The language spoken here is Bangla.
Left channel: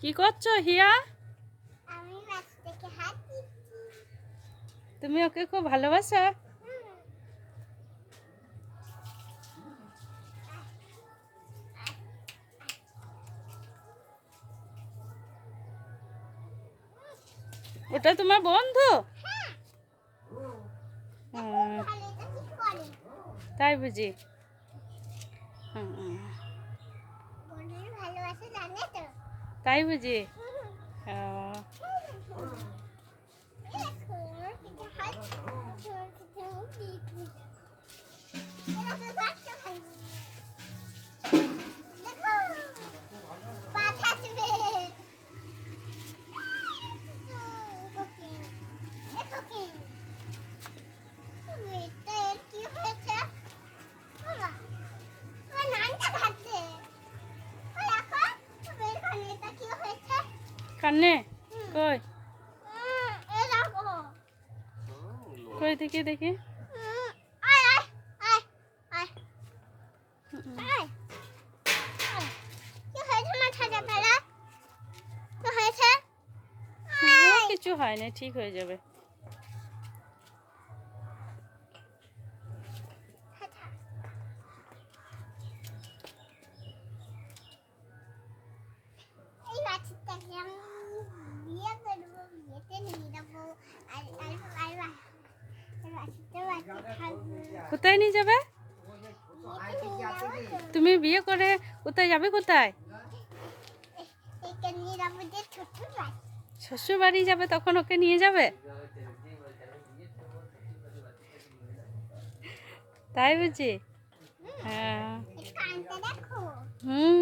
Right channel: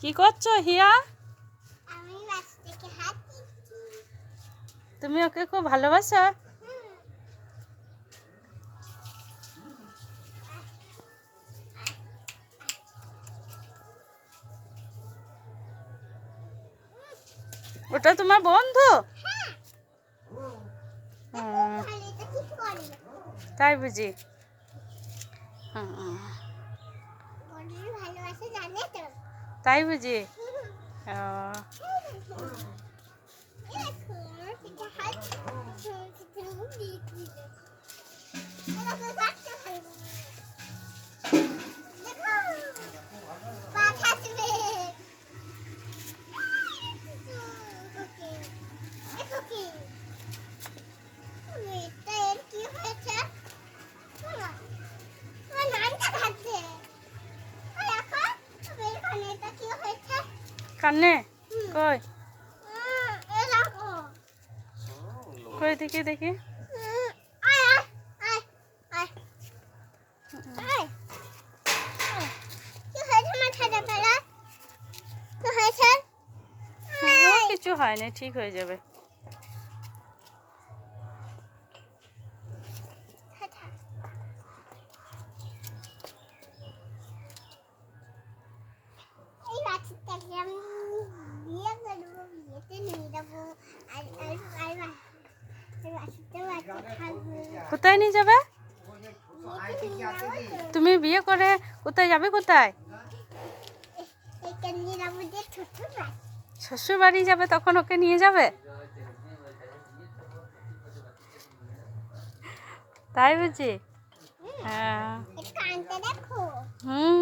কি করছ হিয়া? আমি বাচ্চাকে হাত তুমি ওকে খুব ভালোবাসো। ওটা তোমার বন্ধু? হ্যাঁ। তাই বুঝি। হুম, ভালোবাসা জানে তো? তাই বুঝি মাথাটা বেলায়? কি হয়েছে? ও, আয়। কিছু হয়নি ঠিক হয়ে যাবে কোথায় নিয়ে যাবে। তুমি বিয়ে করে কোথায় যাবে কোথায়। শ্বশুর বাড়ি যাবে তখন ওকে নিয়ে যাবে? তাই বুঝি? হ্যাঁ। হুম।